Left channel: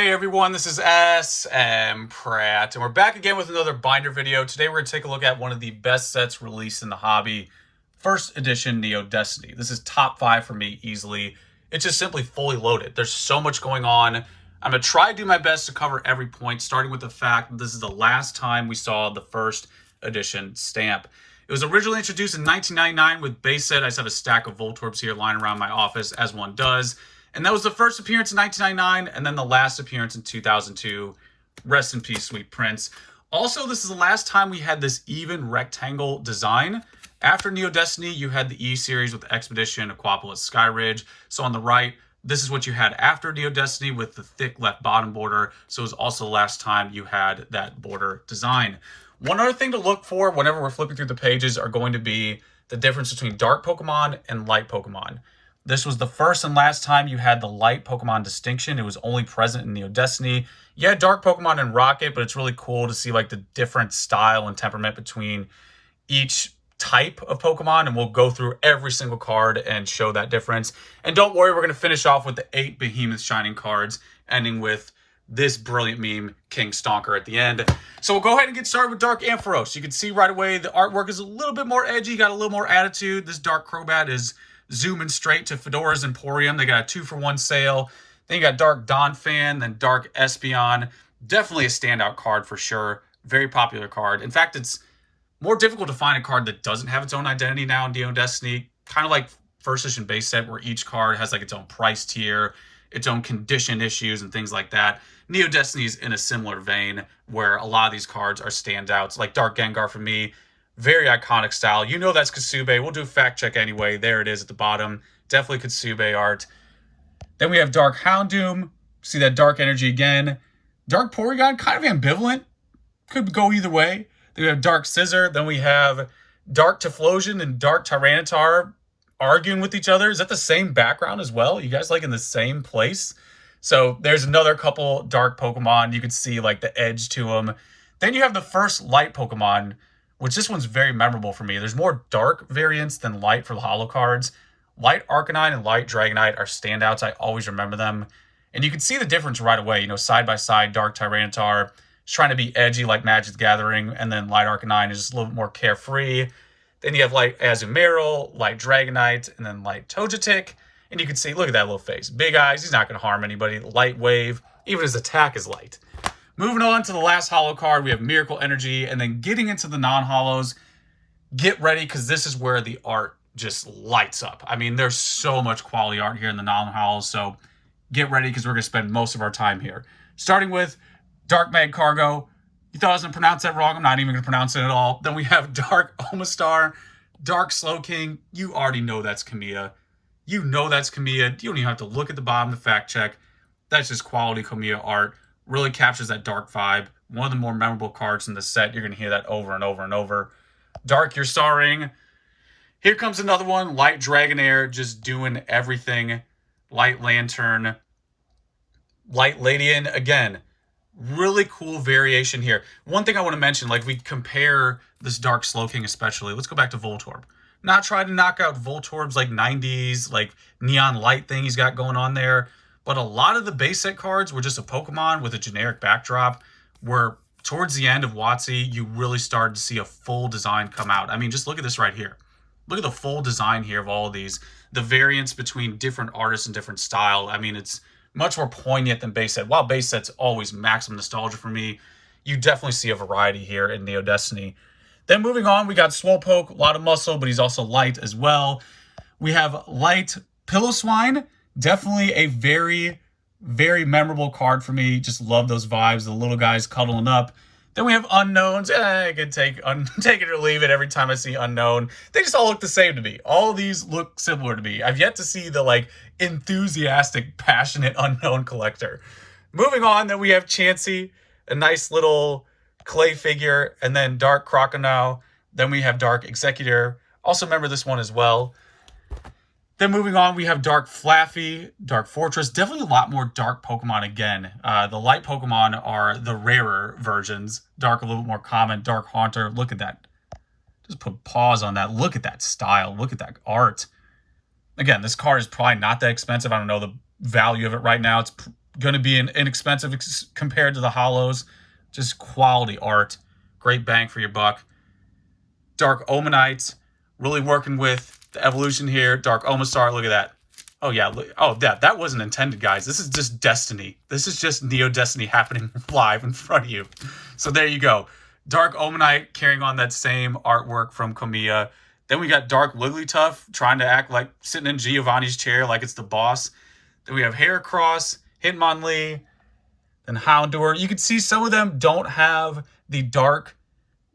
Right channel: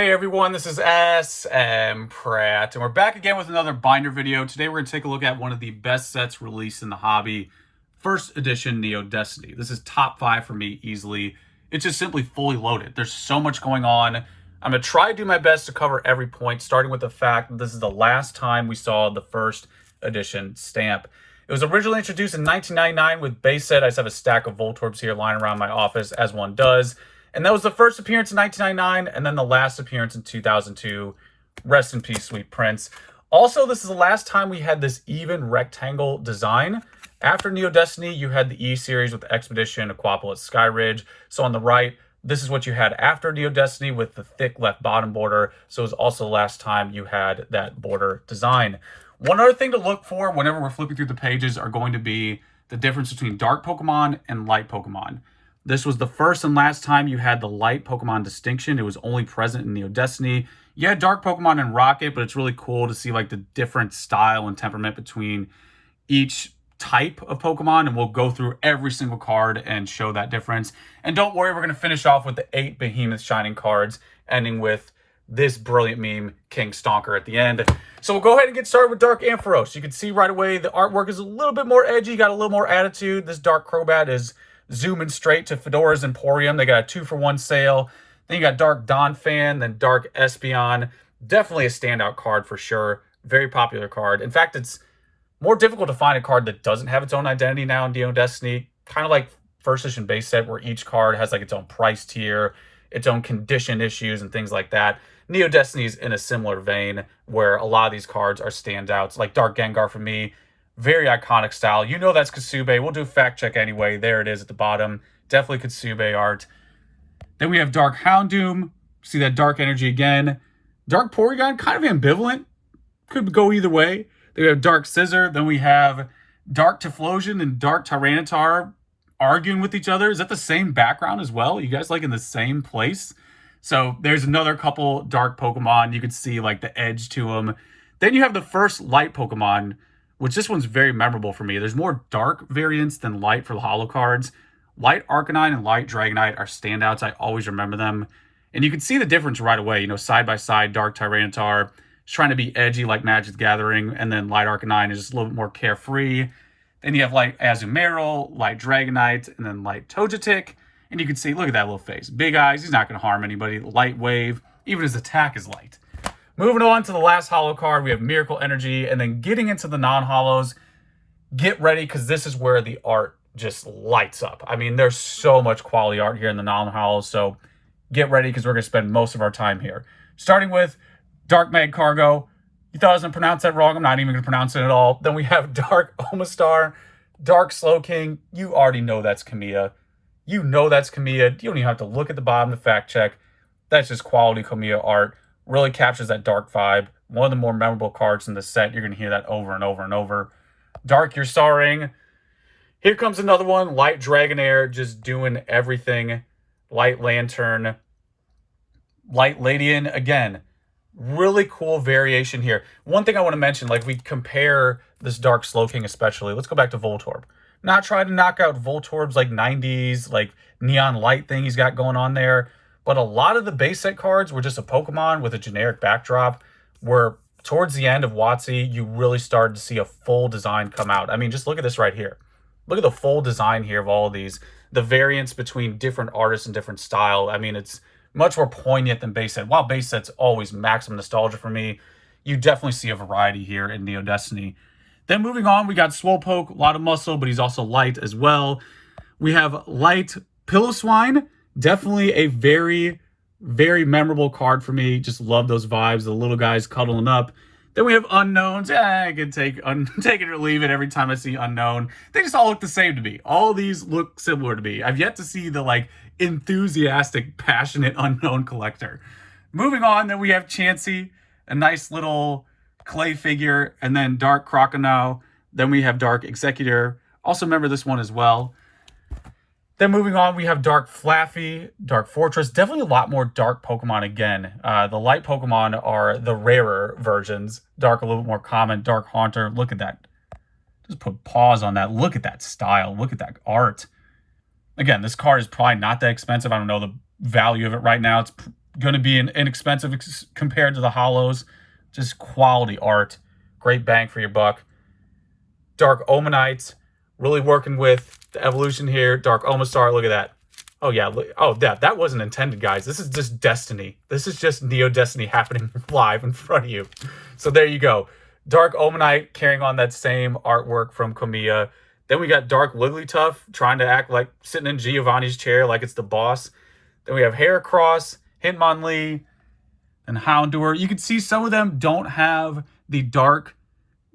Hey everyone, this is SM Pratt, and we're back again with another binder video. Today we're going to take a look at one of the best sets released in the hobby, first edition Neo Destiny. This is top 5 for me easily. It's just simply fully loaded. There's so much going on. I'm going to try to do my best to cover every point, starting with the fact that this is the last time we saw the first edition stamp. It was originally introduced in 1999 with base set. I just have a stack of Voltorbs here lying around my office, as one does. And that was the first appearance in 1999, and then the last appearance in 2002. Rest in peace, sweet prince. Also, this is the last time we had this even rectangle design. After Neo Destiny, you had the E-Series with Expedition, Aquapolis, Skyridge. So on the right, this is what you had after Neo Destiny with the thick left bottom border. So it was also the last time you had that border design. One other thing to look for whenever we're flipping through the pages are going to be the difference between dark Pokemon and light Pokemon. This was the first and last time you had the light Pokemon distinction. It was only present in Neo Destiny. You had dark Pokemon in Rocket, but it's really cool to see like the different style and temperament between each type of Pokemon, and we'll go through every single card and show that difference. And don't worry, we're going to finish off with the 8 Behemoth Shining cards, ending with this brilliant meme, King Stonker, at the end. So we'll go ahead and get started with Dark Ampharos. You can see right away the artwork is a little bit more edgy, got a little more attitude. This Dark Crobat is zooming straight to Fedora's Emporium. They got a 2-for-1 sale. Then you got Dark Donphan, then Dark Espeon. Definitely a standout card for sure. Very popular card. In fact, it's more difficult to find a card that doesn't have its own identity now in Neo Destiny. Kind of like first edition base set, where each card has like its own price tier, its own condition issues, and things like that. Neo Destiny is in a similar vein, where a lot of these cards are standouts. Like Dark Gengar for me, very iconic style. You know that's Kasube. We'll do a fact check anyway. There it is at the bottom. Definitely Kasube art. Then we have Dark Houndoom. See that dark energy again. Dark Porygon, kind of ambivalent. Could go either way. Then we have Dark Scissor. Then we have Dark Typhlosion and Dark Tyranitar arguing with each other. Is that the same background as well? You guys like in the same place? So there's another couple dark Pokemon. You can see like the edge to them. Then you have the first light Pokemon, which this one's very memorable for me. There's more dark variants than light for the holo cards. Light Arcanine and Light Dragonite are standouts. I always remember them. And you can see the difference right away. You know, side by side, Dark Tyranitar is trying to be edgy like Magic the Gathering, and then Light Arcanine is just a little bit more carefree. Then you have Light Azumarill, Light Dragonite, and then Light Togetic. And you can see, look at that little face. Big eyes, he's not going to harm anybody. Light Wave, even his attack is light. Moving on to the last holo card, we have Miracle Energy, and then getting into the non-holos, get ready, because this is where the art just lights up. I mean, there's so much quality art here in the non-holos, so get ready, because we're going to spend most of our time here. Starting with Dark Magcargo. You thought I was going to pronounce that wrong? I'm not even going to pronounce it at all. Then we have Dark Omastar, Dark Slowking. You already know that's Kamiya. You know that's Kamiya. You don't even have to look at the bottom to fact check. That's just quality Kamiya art. Really captures that dark vibe. One of the more memorable cards in the set. You're going to hear that over and over and over. Dark Your Starring. Here comes another one. Light Dragonair, just doing everything. Light Lantern. Light Ladian, again, really cool variation here. One thing I want to mention, like we compare this Dark Slowking especially. Let's go back to Voltorb. Not trying to knock out Voltorb's like 90s, like neon light thing he's got going on there. But a lot of the base set cards were just a Pokemon with a generic backdrop, where towards the end of WotC, you really started to see a full design come out. I mean, just look at this right here. Look at the full design here of all of these. The variance between different artists and different style. I mean, it's much more poignant than base set. While base set's always maximum nostalgia for me, you definitely see a variety here in Neo Destiny. Then moving on, we got Swolpoke, a lot of muscle, but he's also light as well. We have Light Piloswine. Definitely a very, very memorable card for me. Just love those vibes, the little guys cuddling up. Then we have Unknowns. I can take it or leave it every time I see Unknown. They just all look the same to me. All of these look similar to me. I've yet to see the like enthusiastic, passionate Unknown collector. Moving on, then we have Chansey, a nice little clay figure, and then Dark Crocodile. Then we have Dark Executor. Also remember this one as well. Then moving on, we have Dark Flaffy, Dark Fortress. Definitely a lot more dark Pokemon again. The light Pokemon are the rarer versions. Dark a little bit more common. Dark Haunter. Look at that. Just put pause on that. Look at that style. Look at that art. Again, this card is probably not that expensive. I don't know the value of it right now. It's going to be inexpensive compared to the holos. Just quality art. Great bang for your buck. Dark Omanite, really working with the evolution here. Dark Omastar, look at that. Oh, yeah. Oh, that wasn't intended, guys. This is just Destiny. This is just Neo Destiny happening live in front of you. So there you go. Dark Omanite carrying on that same artwork from Komiya. Then we got Dark Wigglytuff trying to act like sitting in Giovanni's chair like it's the boss. Then we have Heracross, Hitmonlee, and Houndour. You can see some of them don't have the dark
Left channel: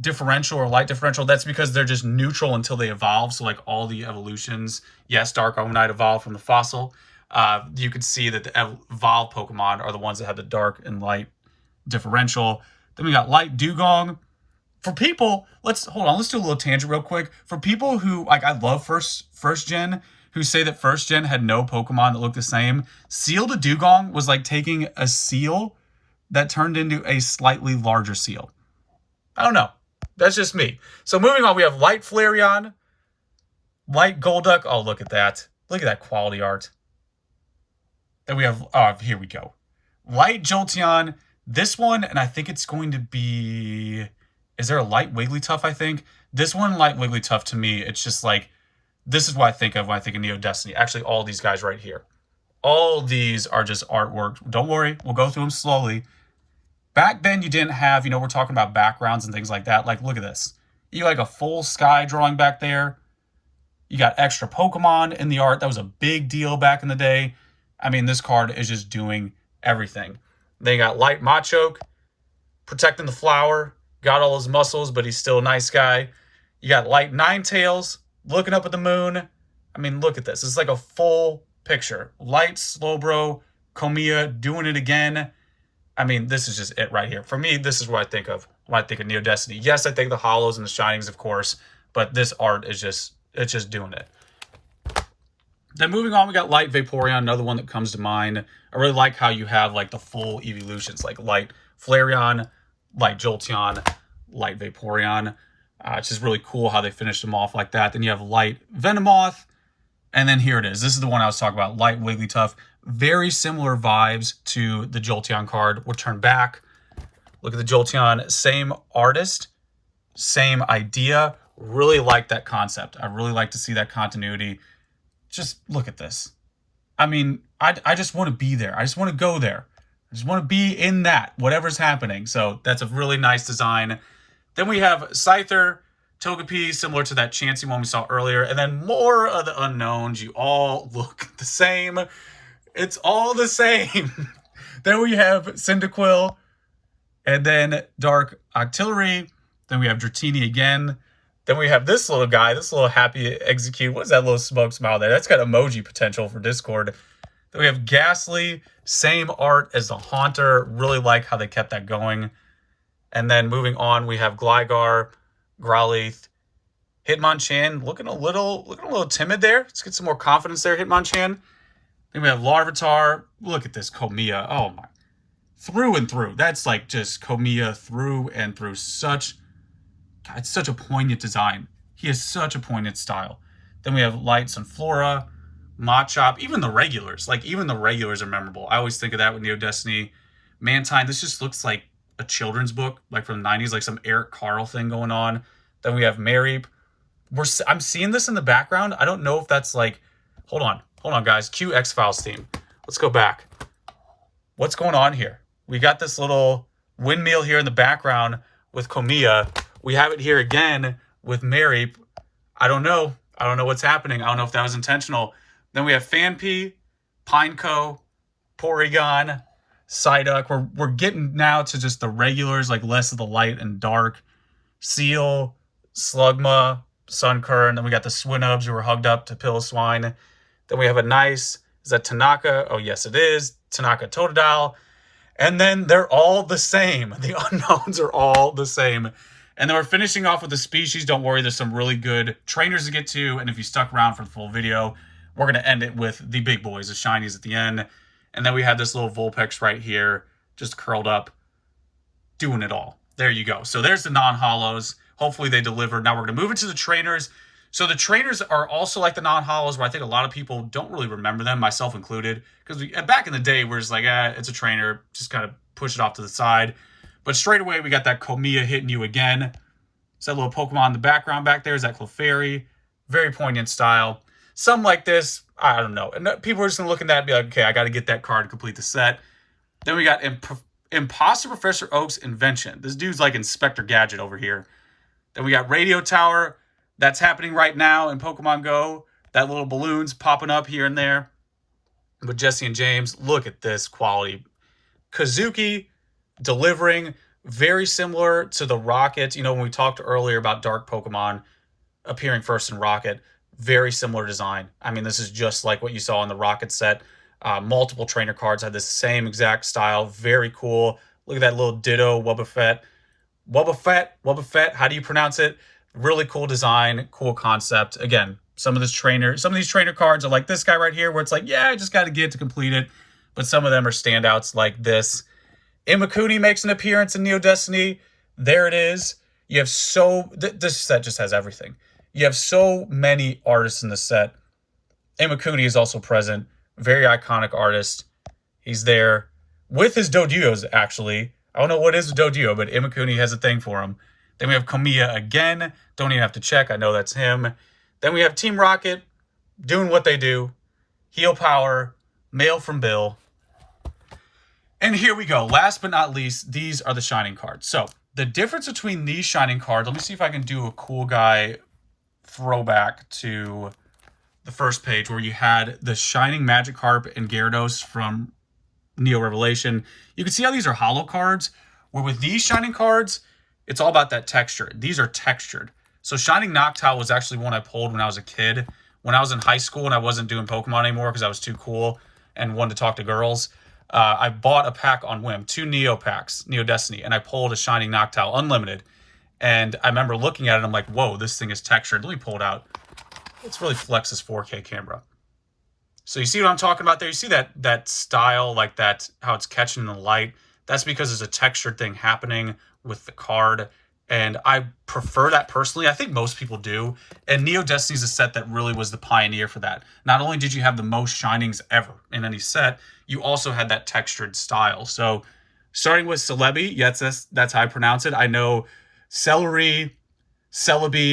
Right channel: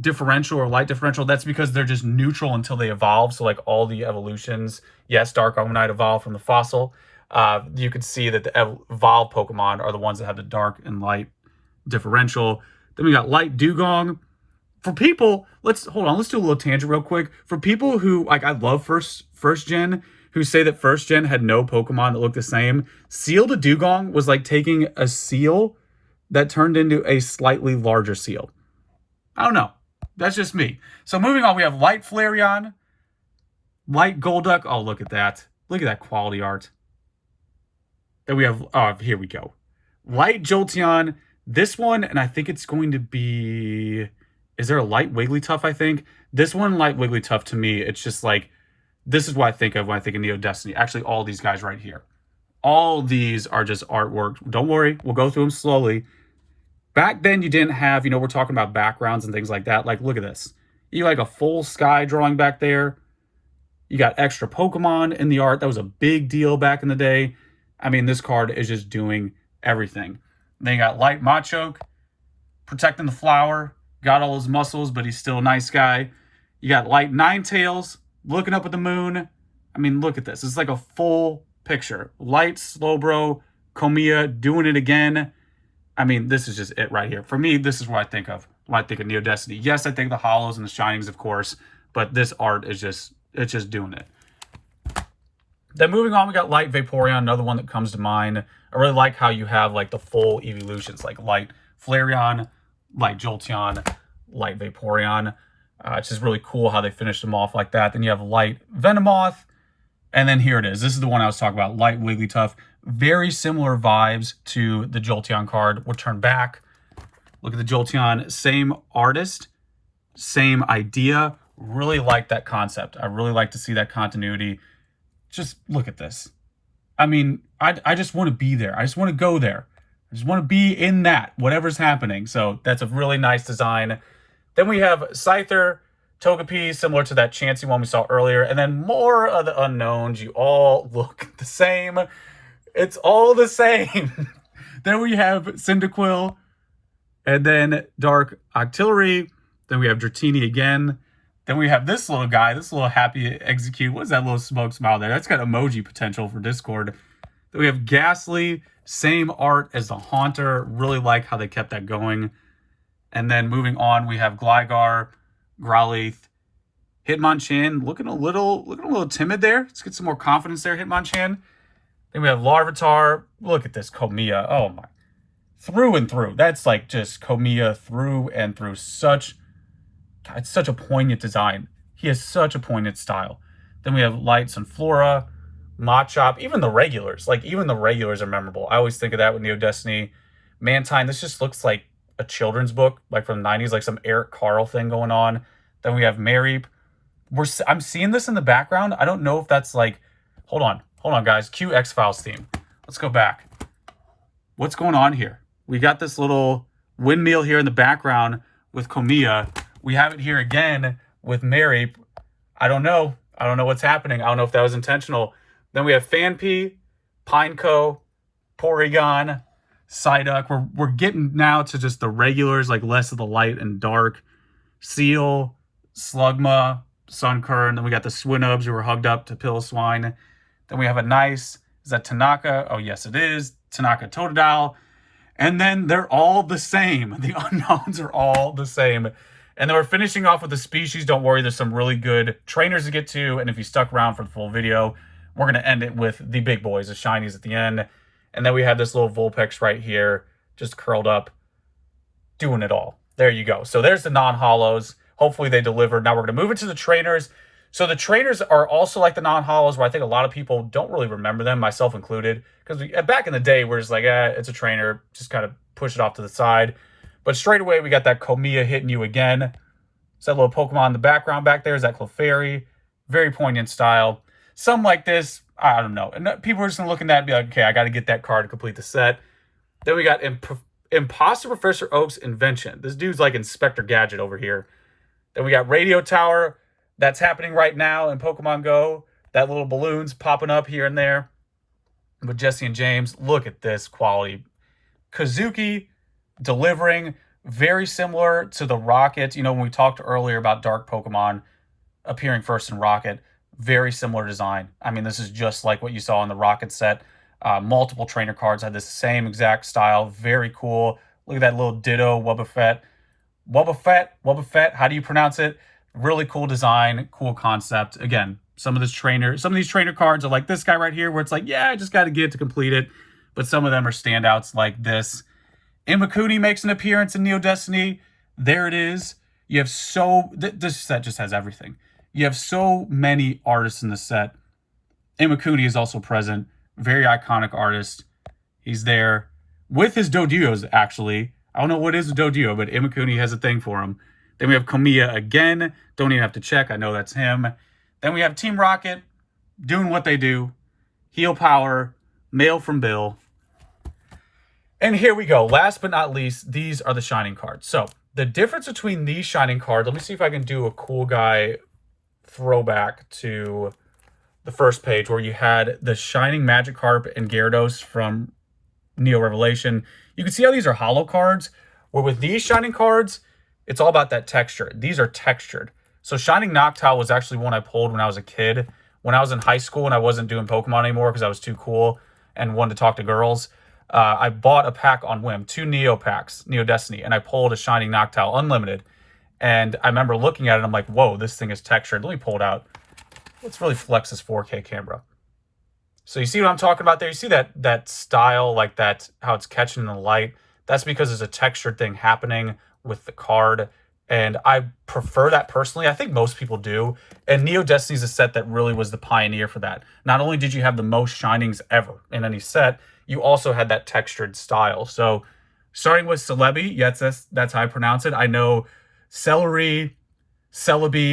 differential or light differential. That's because they're just neutral until they evolve. So like all the evolutions, yes, Dark Omanite evolved from the fossil. You can see that the evolved Pokemon are the ones that have the dark and light differential. Then we got Light Dugong. For people, let's do a little tangent real quick. For people who, like, I love first gen, who say that first gen had no Pokemon that looked the same, Seal to Dugong was like taking a seal that turned into a slightly larger seal. I don't know. That's just me. So moving on, we have Light Flareon, Light Golduck. Oh, look at that. Look at that quality art. Then we have, here we go. Light Jolteon. This one, and I think it's going to be, is there a Light Wigglytuff, I think? This one, Light Wigglytuff, to me, it's just like, this is what I think of when I think of Neo Destiny. Actually, all these guys right here. All these are just artwork. Don't worry, we'll go through them slowly. Back then, you didn't have, we're talking about backgrounds and things like that. Like, look at this. You like a full sky drawing back there. You got extra Pokemon in the art. That was a big deal back in the day. I mean, this card is just doing everything. Then you got Light Machoke, protecting the flower. Got all his muscles, but he's still a nice guy. You got Light Ninetales, looking up at the moon. I mean, look at this. It's like a full picture. Light Slowbro, Komiya doing it again. I mean, this is just it right here. For me, this is what I think of when I think of Neo Destiny. Yes, I think the holos and the shinings, of course, but this art is just, it's just doing it. Then moving on, we got Light Vaporeon, another one that comes to mind. I really like how you have like the full evolutions, like Light Flareon, Light Jolteon, Light Vaporeon. It's just really cool how they finished them off like that. Then you have Light Venomoth. And then here it is. This is the one I was talking about, Light Wigglytuff. Very similar vibes to the Jolteon card. We'll turn back. Look at the Jolteon. Same artist, same idea. Really like that concept. I really like to see that continuity. Just look at this. I mean, I just want to be there. I just want to go there. I just want to be in that, whatever's happening. So that's a really nice design. Then we have Scyther, Togepi, similar to that Chansey one we saw earlier. And then more of the unknowns. You all look the same. It's all the same. Then we have Cyndaquil. And then Dark Octillery. Then we have Dratini again. Then we have this little guy, this little happy execute. What is that little smoke smile there? That's got emoji potential for Discord. Then we have Ghastly, same art as the Haunter. Really like how they kept that going. And then moving on, we have Gligar, Growlithe, Hitmonchan, looking a little timid there. Let's get some more confidence there, Hitmonchan. Then we have Larvitar. Look at this Komiya. Oh my. Through and through. That's like just Komiya through and through. It's such a poignant design. He has such a poignant style. Then we have Light Sunflora, Machop, even the regulars. Like, even the regulars are memorable. I always think of that with Neo Destiny. Mantine, this just looks like a children's book, like from the 90s, like some Eric Carle thing going on. Then we have Mareep. I'm seeing this in the background. I don't know if that's like... Hold on, guys. Cue X-Files theme. Let's go back. What's going on here? We got this little windmill here in the background with Komiya. We have it here again with Mareep. I don't know. I don't know what's happening. I don't know if that was intentional. Then we have Phanpy, Pineco, Porygon, Psyduck. We're getting now to just the regulars, like less of the light and dark. Seal, Slugma, Sunkern. Then we got the Swinubs who were hugged up to Piloswine. Then we have a nice, is that Tanaka? Oh, yes, it is. Tanaka Totodile. And then they're all the same. The unknowns are all the same. And then we're finishing off with the species. Don't worry, there's some really good trainers to get to. And if you stuck around for the full video, we're going to end it with the big boys, the shinies at the end. And then we have this little Vulpix right here, just curled up, doing it all. There you go. So there's the non-holos. Hopefully they delivered. Now we're going to move into the trainers. So the trainers are also like the non-holos, where I think a lot of people don't really remember them, myself included. Because back in the day, we're just like, it's a trainer, just kind of push it off to the side. But straight away, we got that Komiya hitting you again. So that little Pokemon in the background back there is that Clefairy. Very poignant style. Something like this, I don't know. And people are just going to look at that and be like, okay, I got to get that card to complete the set. Then we got Imposter Professor Oak's Invention. This dude's like Inspector Gadget over here. Then we got Radio Tower. That's happening right now in Pokemon Go. That little balloon's popping up here and there. With Jesse and James, look at this quality. Kazuki delivering, very similar to the Rocket. You know, when we talked earlier about Dark Pokemon appearing first in Rocket, very similar design. I mean, this is just like what you saw in the Rocket set. Multiple trainer cards had the same exact style. Very cool. Look at that little Ditto Wobbuffet. Wobbuffet, how do you pronounce it? Really cool design, cool concept. Again, some of these trainer cards are like this guy right here, where it's like, yeah, I just got to get it to complete it. But some of them are standouts like this. Imakuni makes an appearance in Neo Destiny. There it is. You have this set just has everything. You have so many artists in the set. Imakuni is also present. Very iconic artist. He's there with his Doduos, actually. I don't know what is Doduo, but Imakuni has a thing for him. Then we have Komiya again. Don't even have to check. I know that's him. Then we have Team Rocket doing what they do. Heal Power. Mail from Bill. And here we go. Last but not least, these are the Shining cards. So the difference between these Shining cards, let me see if I can do a cool guy throwback to the first page where you had the Shining Magikarp and Gyarados from Neo Revelation. You can see how these are holo cards, where with these Shining cards, it's all about that texture. These are textured. So Shining Noctowl was actually one I pulled when I was a kid. When I was in high school and I wasn't doing Pokemon anymore because I was too cool and wanted to talk to girls, I bought a pack on whim, 2 Neo packs, Neo Destiny, and I pulled a Shining Noctowl Unlimited. And I remember looking at it and I'm like, whoa, this thing is textured. Let me pull it out. Let's really flex this 4K camera. So you see what I'm talking about there? You see that style, like that, how it's catching the light? That's because there's a textured thing happening with the card. And I prefer that personally. I think most people do. And Neo Destiny is a set that really was the pioneer for that. Not only did you have the most Shinings ever in any set, you also had that textured style. So starting with Celebi, yes, that's how I pronounce it. I know Celebi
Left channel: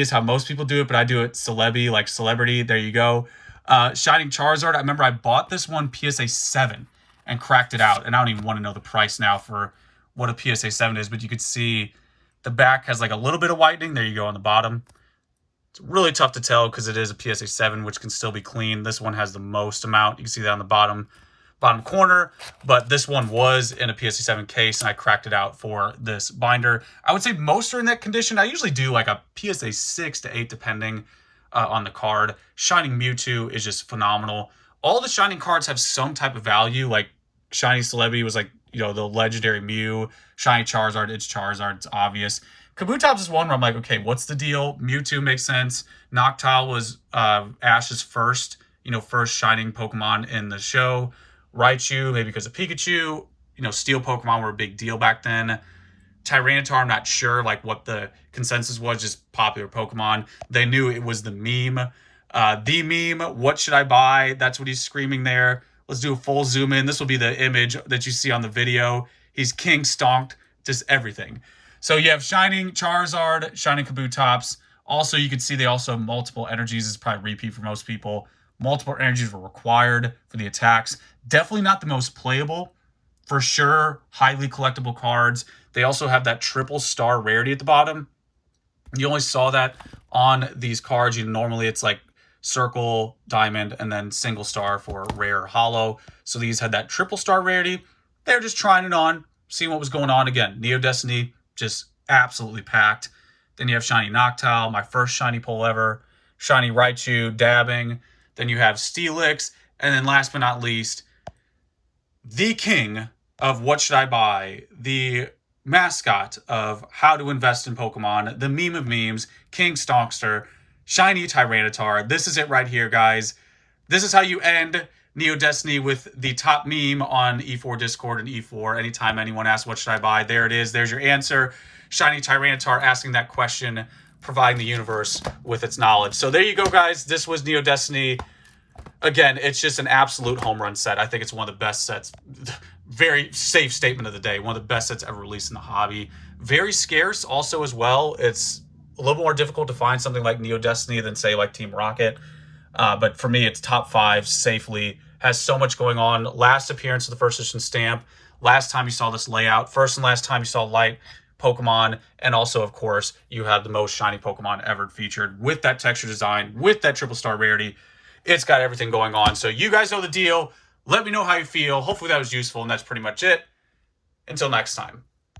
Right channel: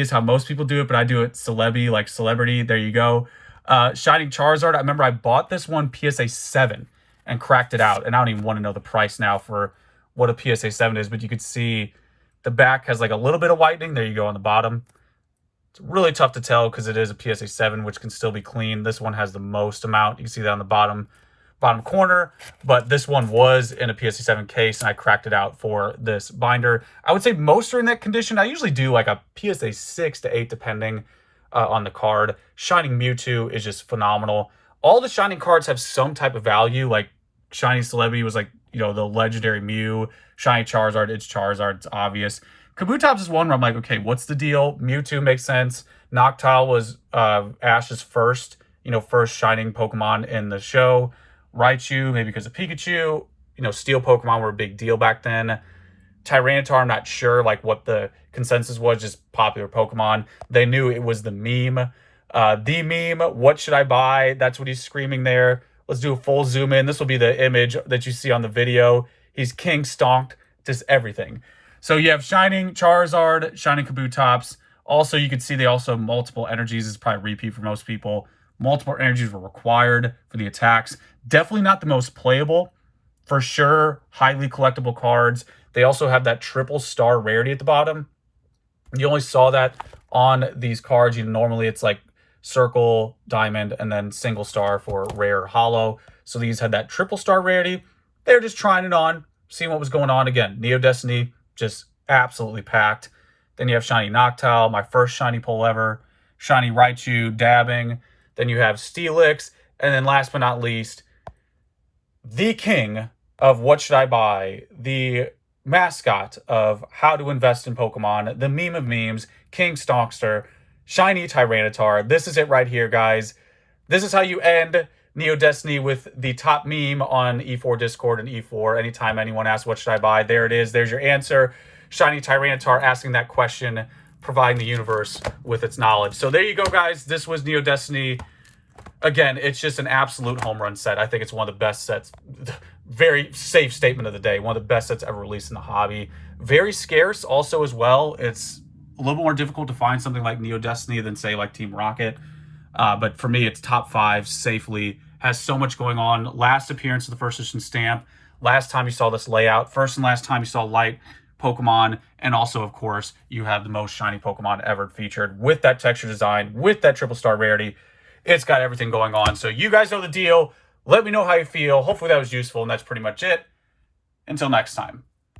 is how most people do it, but I do it Celebi, like celebrity. There you go. Shining Charizard. I remember I bought this one PSA 7 and cracked it out. And I don't even want to know the price now for what a PSA 7 is, but you could see the back has like a little bit of whitening. There you go on the bottom. It's really tough to tell because it is a PSA 7, which can still be clean. This one has the most amount. You can see that on the bottom corner, but this one was in a PSA 7 case and I cracked it out for this binder. I would say most are in that condition. I usually do like a PSA 6 to 8 depending on the card. Shining Mewtwo is just phenomenal. All the Shining cards have some type of value, like Shining Celebi was like, you know, the legendary Mew. Shining Charizard, it's obvious. Kabutops is one where I'm like, okay, what's the deal? Mewtwo makes sense. Noctowl was Ash's first Shining Pokemon in the show. Raichu, maybe because of Pikachu. You know, Steel Pokemon were a big deal back then. Tyranitar, I'm not sure like what the consensus was, just popular Pokemon. They knew it was the meme. The meme, what should I buy? That's what he's screaming there. Let's do a full zoom in. This will be the image that you see on the video. He's King Stonk, just everything. So you have Shining Charizard, Shining Kabutops. Also, you can see they also have multiple energies. It's probably a repeat for most people. Multiple energies were required for the attacks. Definitely not the most playable. For sure, highly collectible cards. They also have that triple star rarity at the bottom. You only saw that on these cards. Normally it's like circle, diamond, and then single star for rare or hollow. So these had that triple star rarity. They're just trying it on, seeing what was going on. Again, Neo Destiny, just absolutely packed. Then you have Shiny Noctowl, my first shiny pull ever. Shiny Raichu, dabbing. Then you have Steelix. And then last but not least, the king of what should I buy, the mascot of how to invest in Pokemon, the meme of memes, King Stonkster, Shiny Tyranitar. This is it right here, guys. This is how you end Neo Destiny with the top meme on E4 Discord and E4. Anytime anyone asks, what should I buy? There it is. There's your answer. Shiny Tyranitar asking that question providing the universe with its knowledge. So there you go, guys. This was Neo Destiny. Again, it's just an absolute home run set. I think it's one of the best sets. Very safe statement of the day. One of the best sets ever released in the hobby. Very scarce also as well. It's a little more difficult to find something like Neo Destiny than, say, like Team Rocket. But for me, it's top 5 safely. Has so much going on. Last appearance of the first edition stamp. Last time you saw this layout. First and last time you saw light Pokemon. And also, of course, you have the most shiny Pokemon ever featured with that texture design, with that triple star rarity. It's got everything going on. So you guys know the deal. Let me know how you feel. Hopefully that was useful, and that's pretty much it. Until next time.